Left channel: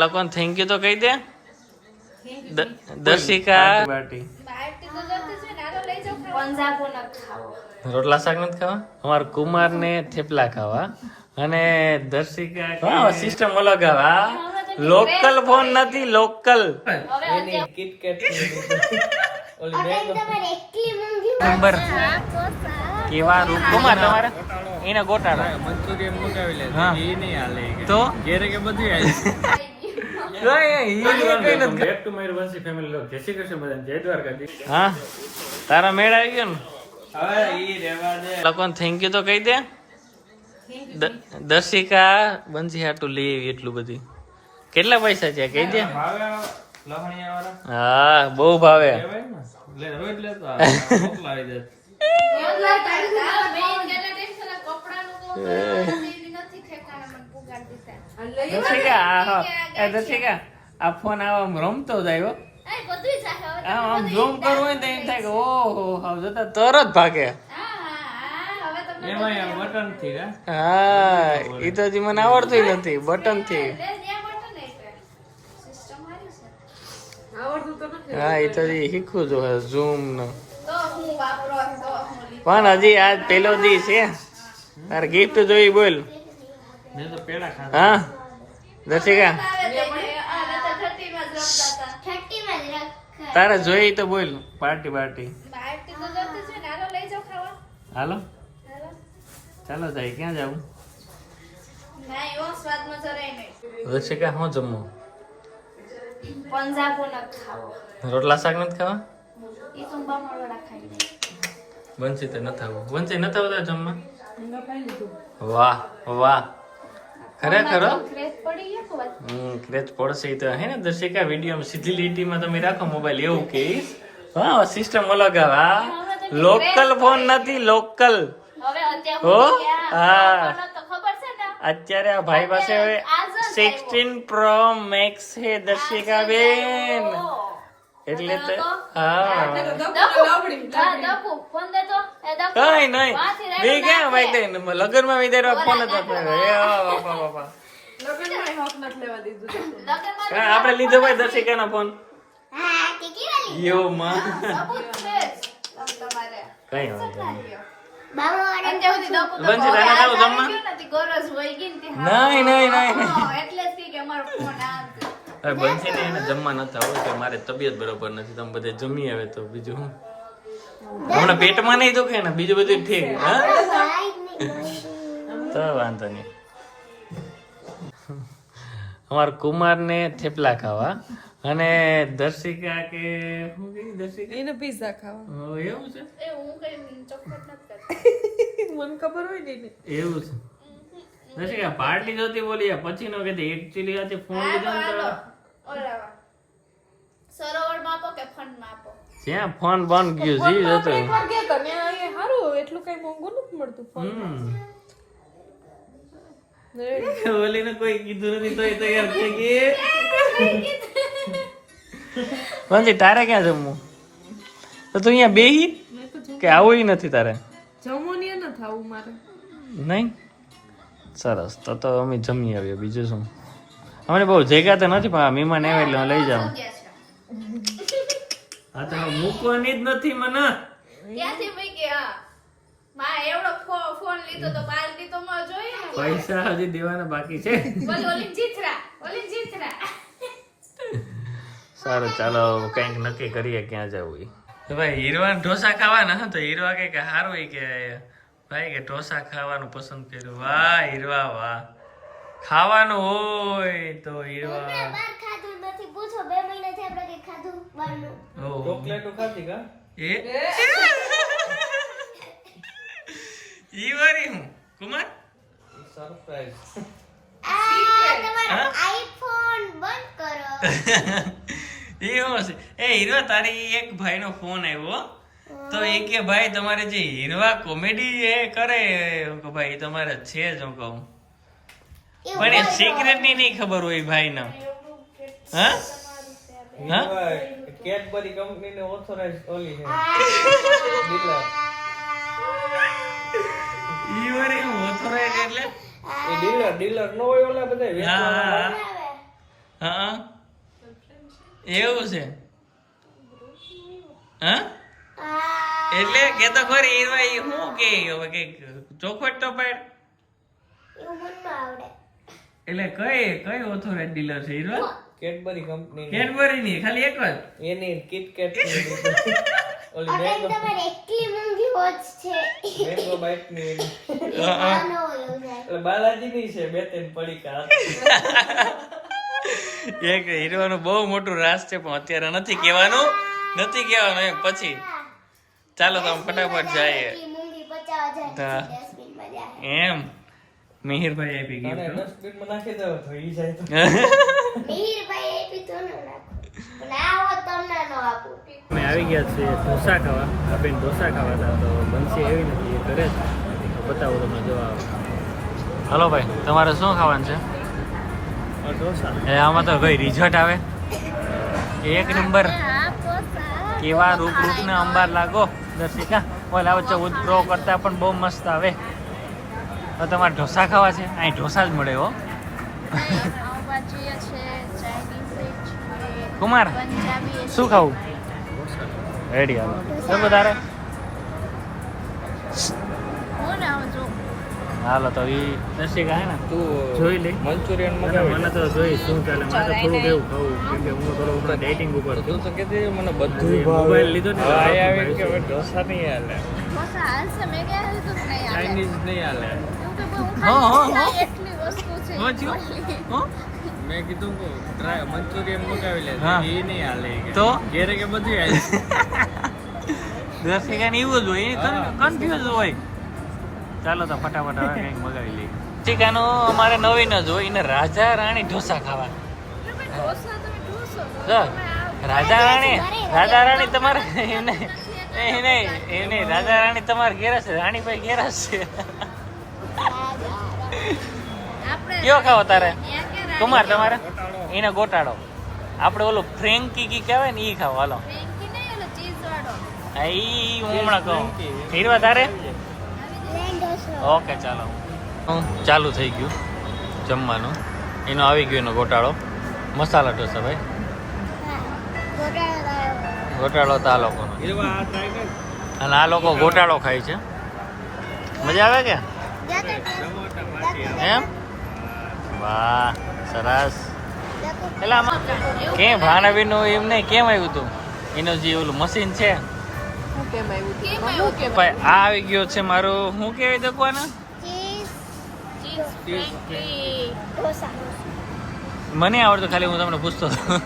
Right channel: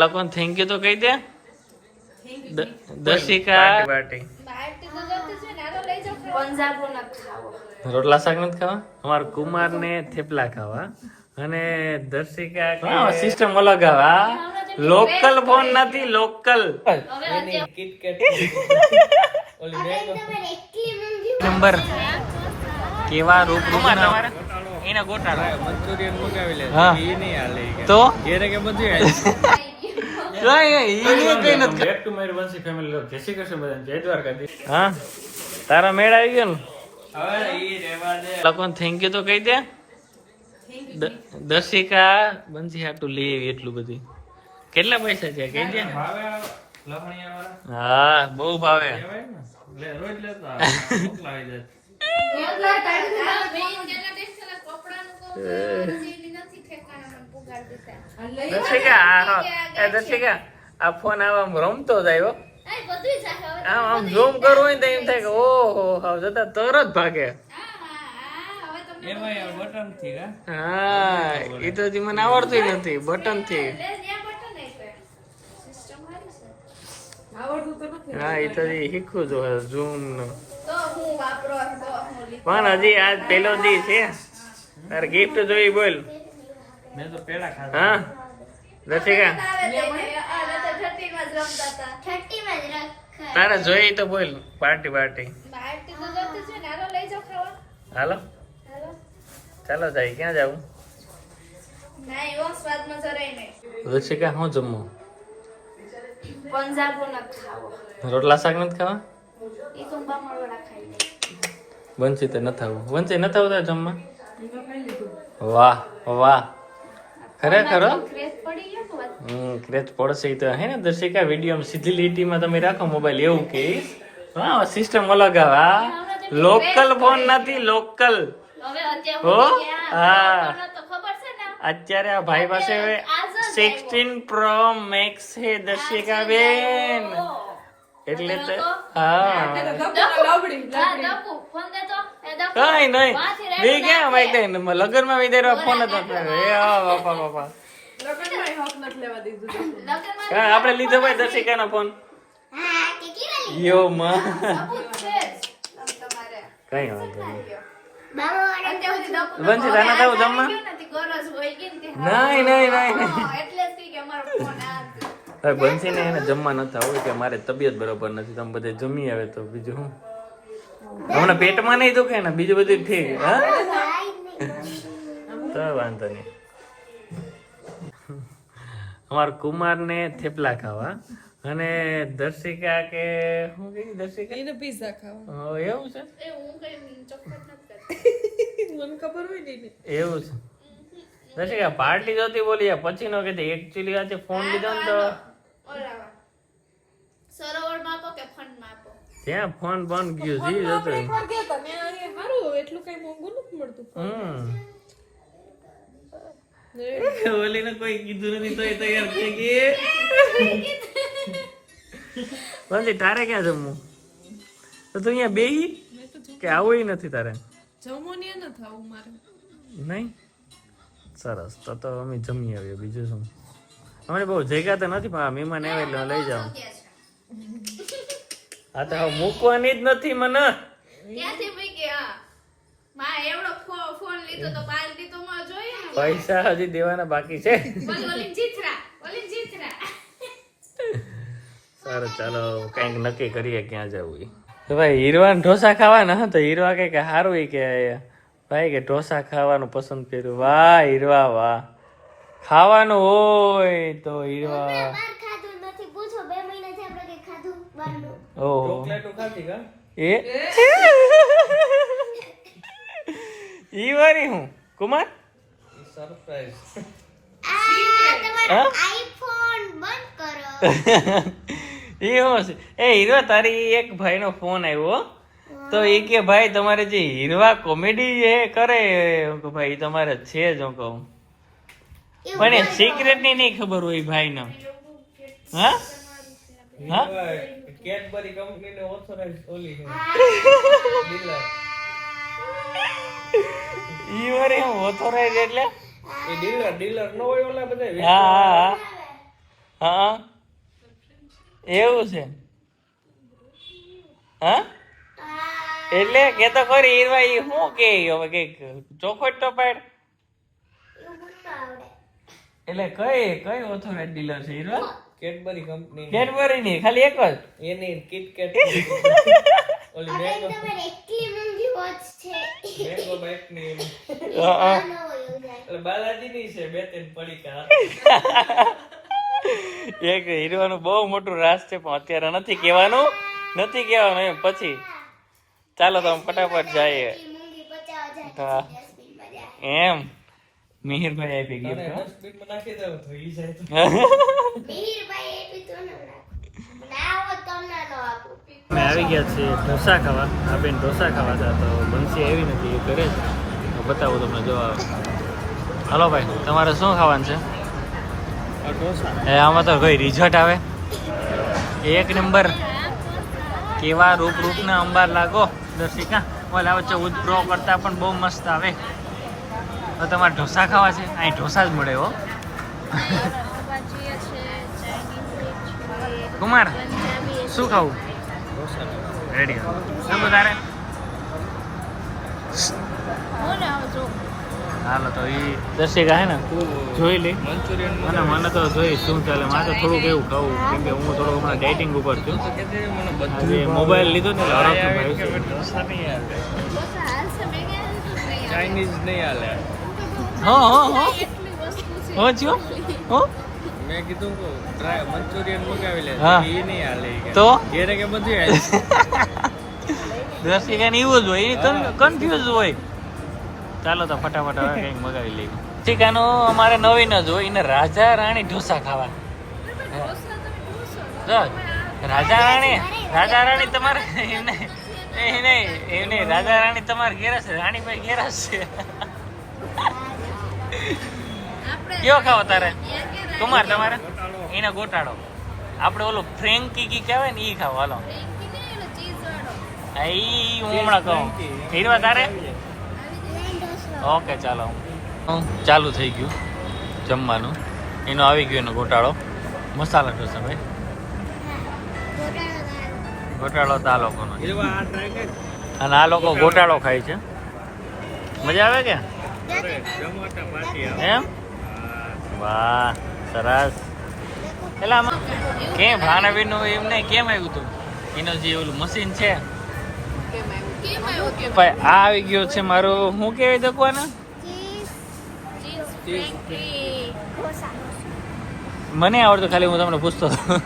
લોકોને thank you તો કહી દે. દર્શિકા રોટલા શાક નથી ખાવા, અમારા કુમાર ને થેપલા ખાવા અને દર્શિકા સિસ્ટમ અલગ આવે. લોકલ ફોન નથી, લોકલ નંબર કેવા રૂપ કુમાર તમારા એને ગોટાળો. હા તો હા તારા મેળ આવી ગયો ને. લોકોને થેન્ક યુ તો કહી દે. દર્શિકા બંસી હાટું લઈ આવી એટલું બધું. કેટલા પૈસા છે કહી દે. હા બહુ ભાવે. દર્શિકા આ ફોન આવા રમતો જાય. આમ ઝૂમ કરવું હોય તો એમ થાય કે ઓહો જતા તરત ભાગે. હા એ તો હજી મને આવડતું નથી બટન થી. હા એ તો શીખવું જોઈએ ઝૂમ નું. પણ હજી આજ પેલો દી છે. તારે ગિફ્ટ જોઈ બોલ. હા દર્શિકા તારે જોઈ તો બોલ. પાર્ટી હાલો ચાલો જાય. ક્યાં જાવું દર્શિકા? શું જમવું? રોટલા શાક નથી ખાવા? બંસી તો નથી આવું. બંસી નથી આવતા જમવા? વાહ વાહ ખરેખર ક્રેચ પડશે તો હે ને દર્શિકા. વિડીયો સીધી લીટીમાં તમે રાખો મોબાઈલ એવું કે હા સિસ્ટમ અલગ આવે. લોકલ ફોન નથી, લોકલ. હો હા અત્યારે આ ભાઈ પાસે 16 Pro Max છે દર્શિકા બેન. એટલે તો હા કઈ નઈ મે ક્યાં માઈક લઈને લગન માં વિદાય ફોન જ નથી. બાપા બાપા આપડે લીધો ભાઈ દર્શિકા નો ફોન. યો માં કઈ વાંધો નહીં. બંસી તાના થાવ જમવા? નહીં બંસી ને એને જમવા નથી આવું કે મારે તબિયત બરોબર નથી. તમે બધે જમી આવે તો બીજું શું. હમણાં પેટમાં નહીં દુખે ને બીજું બધું ઠીક. હા તો વાંધો નહીં. અમારા કુમાર ને થેપલા ખાવા અને દર્શિકા કે શું કીધું? દર્શિકા એને પિઝા ખાવા. એવું છે? મને ખબર હોય ને એવું છે. દર્શિકા પાર્ટી જોતી બોલી પછી નો કીધી. એકચ્યુઅલી આજે ફોન લીધો ને તો સરોવરમાં આપો કે ફંડમાં આપો? જ્યાં ફોન બંધ ગયું જી જતો. સારું એટલું કઈ મોંઘું નથી મળતું ફોન. ઓલીને કોઈ કીધું નથી તોય તૈયાર થઈ ગઈ. મંજી તારે ક્યાં જમવું? તો તું અહીંયા બેહી કે આવું નથી તારે? જમવાની નથી આવું મારે. નહીં સરસ તો અમે જમી આવીએ. બીજું શું અમને બહુ જગ્યા તો નથી પણ મહેમાન આવે એટલે લઈ જાઉં. હા તો મૂકવાની જ નથી મને. પૈસા હજી દેવાના બાકી છે. સારું ચાલો કઈક નક્કી કરીએ ક્યાં જવું. તો ભાઈ હીરવા ઢોસા ખાવાના તો હીરવા કે સારું કે ભાઈ કે ઢોસા ખાવાનું પસંદ કર્યું. વાહ હીરવા વાહ. ખાવાનું હોય તો હીરવા ઈ વારે હું કુમાર સરપ્રાઈઝ આઈફોન બંધ કરો. એ હું છે એ હીરવા તારી એક ભાઈ નો ફોન આવ્યો તો એ કે ભાઈ તમારે જે હીરવા કોમેડી એ કરે ભાઈ તમારે છે જ હું કહું પણ એ સિક્રેટ ની નહીં ખબર હોય ભાઈ ના. હા કેડબરી કંપની ને ઓથોરાઇઝ ઓલી છે ડીલર. ઈ વરે ઓથોરાઇઝ એટલે એ ડીલર નો હોય ઓલા બધા. હા હા એવું છે હા એટલે કે તો ખરી હીરવાઈ શું કે હવે કે ચોખવટ તો પાડ એટલે કઈ ઓથોરાઇઝ ડીલર છે હીરવા કેડબરી કંપની કેડબરી ની ખાલી એક જ એની કિટકેટ ઓલી એટલી મોંઘી વોચ છે મેંગો બાઇટ ની એટલે બાલાજી ની છે બે ત્રણ પડીકા એક હીરવાનું બહુ મોટું રાસ છે પણ અત્યારે નથી કહેવાનું એમ પછી ચાલો તો ફટાફટ જાય એમ મિહિરભાઈ આપી ગયું ડસ્ટબિન માં નાખી દો તો ઈ જાય તો અમે આવી ગયા છીએ ઢોસા ખાવા આ બેન ઢોસા ખાવા હતા તો બંસી આવી ને કીધું કરે તો બતાવું તમને જો હાલો ભાઈ તમારે શું ખાવાનું છે એ આમાં તો કઈ રિઝલ્ટ આવે એક નંબર કેવા રૂપને અંબાર લાગો દર્શિકા ઓલા વચ્ચે ઉદ્રો કરતા પણ બહુ મસ્ત આવે તો તમારે ઢોસા ખાવા છે અહીં ઢોસા જ મળે હો કુમાર શું ખાવું રેડી હાલો શું તારે હાલો તો એ દર્શિકા હે ને જોઈ લે મંચુરિયન અને મને તો જોઈ શું ચાલે મારે તો થોડુંક એવું ખાવું કેમ કે હું થોડો હમણાં ડાયટિંગ ઉપર છું મને આજે મોબાઈલ લીધો ને ચાઇનીઝ નહીં હાલે મેં કીધું કે મંચુરિયન મંગાવી લે હા. એ નહીં હાલે તો ઘેરે કે બધું હાલે દર્શિકા ને એવું જ હોય કન્ફ્યુઝ હોય ચાલો તો ફટાફટ હવે કંઈક મગાવી લઈએ ઠીકાનો અમારે નવીન જ હોય એને રાજા રાણી ઢોસા ખાવા રાજા રાણી તમારે એને રાજા રાણી તમારે ઘેરસ છે રાણીભાઈ ઘેરસ છે કયો ખાવો તારે કુમાર તમારે એને ગોટાળો આપણે ઓલું ફ્રેન્કી કી કહેવાય ને એ ખાવ હાલો ઈ હું હમણાં કહું હીરવા તારે ઓકે ચાલો ચાલુ થઈ ગયું જમવાનું એનો આવી ગયો એનો ગોટાળો મસાલા ઢોસા ભાઈ ગોટાળો તો આ લોકોનો અને આ લોકો ગોટાળો ખાય છે મજા આવે કે એમ વાહ સરસ એટલે આમાં કેમ ભાણાવીનું એમને કેમ આવ્યું હતું એનું જે ઓલું મશીન છે ભાઈ આ આવી ગયો છે મારું શું કહેવાય દકવાના મને આવડતું ખાલી હું તમને પૂછતો હતો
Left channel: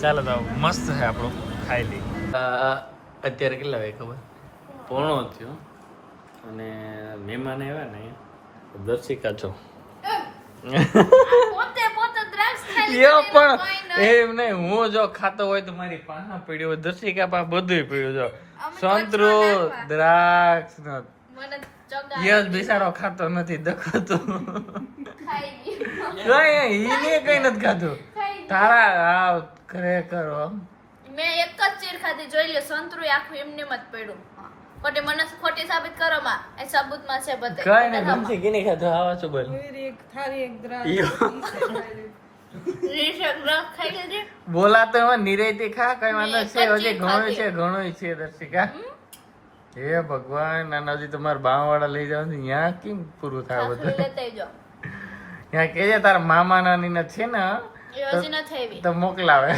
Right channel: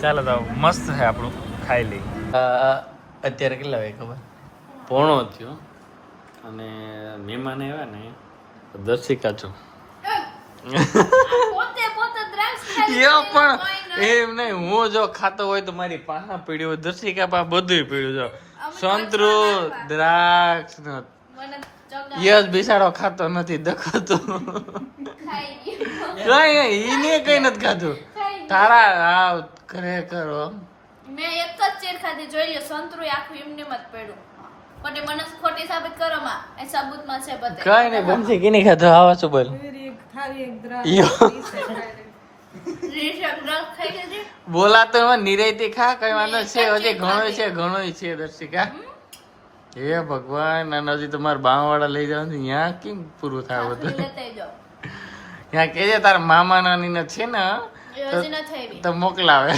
ચાલો તો મસ્ત છે આપણું ખાઈ લઈ અત્યારે કેટલા વાગે ખબર પોણો થયો અને મહેમાન આવ્યા ને દર્શિકા છો પણ એમ નહીં હું જો ખાતો હોય તો મારી પાહા પીડ્યું હોય દર્શિકા પા બધું પીડ્યું જો સંતરું દ્રાક્ષ યસ બિચારો ખાતો નથી દખતો એને કઈ નથી ખાધું તારા આ ખરેખર મેં એક જ ચીર ખાધી જોઈ લ્યો સંતરું આખું એમને જ પડ્યું ખોટી મને ખોટી સાબિત કરો માં એ સાબુતમાં છે બધે કઈ નહીં બનશે કે નહીં ખાધું આવા શું બોલ બોલા તો એમાં નિરાયતી ખા કઈ વાંધો છે હજી ઘણું છે દર્શિકા હે ભગવાન અને હજી તમારા બાવાળા લઈ જાવ ત્યાં કેમ પૂરું થાય બધું ત્યાં કેજે તારા મામા નાની ને છે ને તો મોકલાવે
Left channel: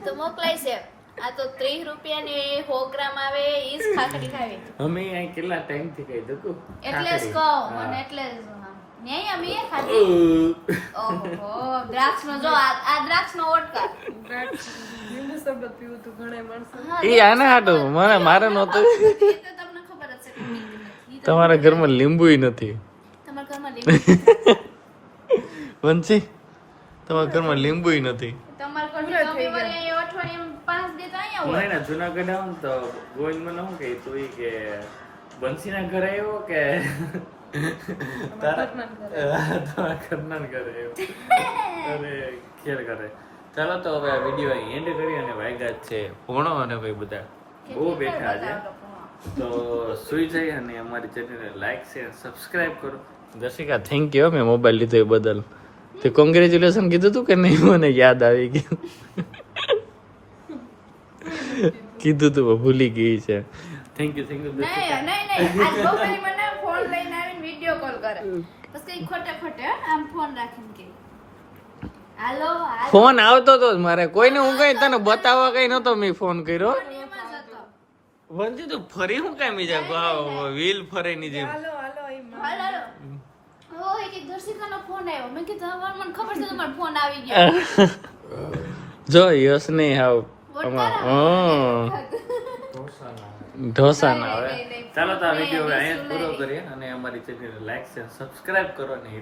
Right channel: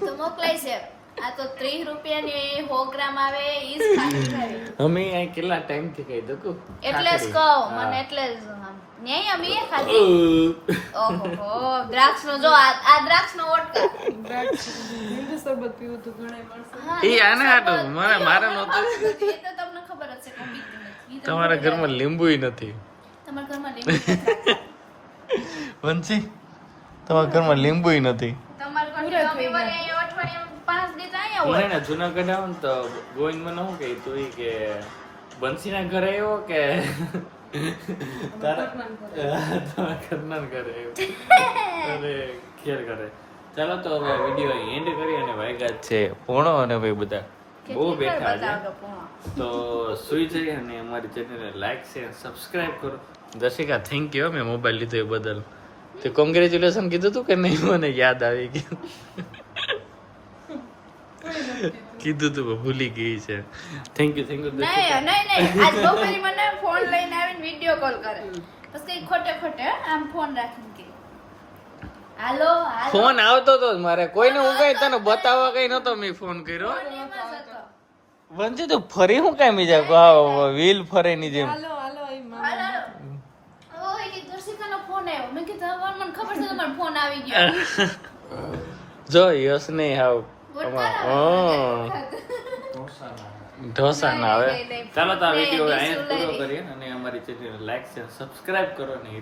તો મોકલાય છે આ તો 30 રૂપિયાની 100 ગ્રામ આવે ઈ જ ખાધી અમે અહીં કેટલા ટાઈમ થી કહી દઉં એટલે જ કહું અને એટલે જ નહીં અમે એ ખાધી ઓહો દ્રાક્ષનો જો આ દ્રાક્ષનો વોડકા લીંબુ શરબત પીવું તો ઘણે મળશે ઈ આના હાટો મારે નહોતું એ તો તમને ખબર જ છે કે તમારા ઘરમાં લીંબુય નથી તમારા ઘરમાં લીંબુ વંશી તમારા ઘરમાં લીંબુય નથી તમારા ઘરમાં અઠવાડિયામાં 5 દિવસ આયા હોય મને જુનાગઢ આવો ને તો ગોવિંદ મને શું કહે તું કે બંસીના ઘરે આવ્યો કે તારા ઘરના ઘરે આવ્યો અરે ખેર કરે ચાલો તો હવે આ વિડીયો એન્ડ કરી અને વાગ્યા છે પોણો અને ભાઈ બધા બહુ બેઠા છે તો સુઈ જઈ અને અમારી ચેનલને લાઈક શેર સબસ્ક્રાઇબ કરો દર્શિકા થેન્ક યુ મેં મોબાઈલ લીધો એ બદલ તે કોંગ્રેચ્યુલેશન કીધું તું કે નહીં મને યાદ આવી ગયું કીધું તું પણ ભૂલી ગઈ છે થેન્ક યુ દર્શિકા નહીં આજ બપોરે મને ફોન લઈને આવીને વિડિયો કોલ કરે બસ કઈ ખોટે આમ ફોન રાખીને કે હાલો ફોન આવતો તો મારે કોઈને હું કઈ તને બતાવવા કઈ નતો મેં ફોન કર્યો વંચી તો ફરી હું કામ બીજા વ્હીલ ફરે ની જેમ ઓય કે દર્શિકાનો ફોન આવ્યો મેં કીધું હવે મને ખબર છે તમારો ફોન આવી ગયો જો યસ નહીં આવ ઢોસા ના આવે ચાલો તો આ વિડીયો અહીંયા પૂરો કરીએ અને અમારી ચેનલ લાઈક શેર સબસ્ક્રાઇબ કરો ને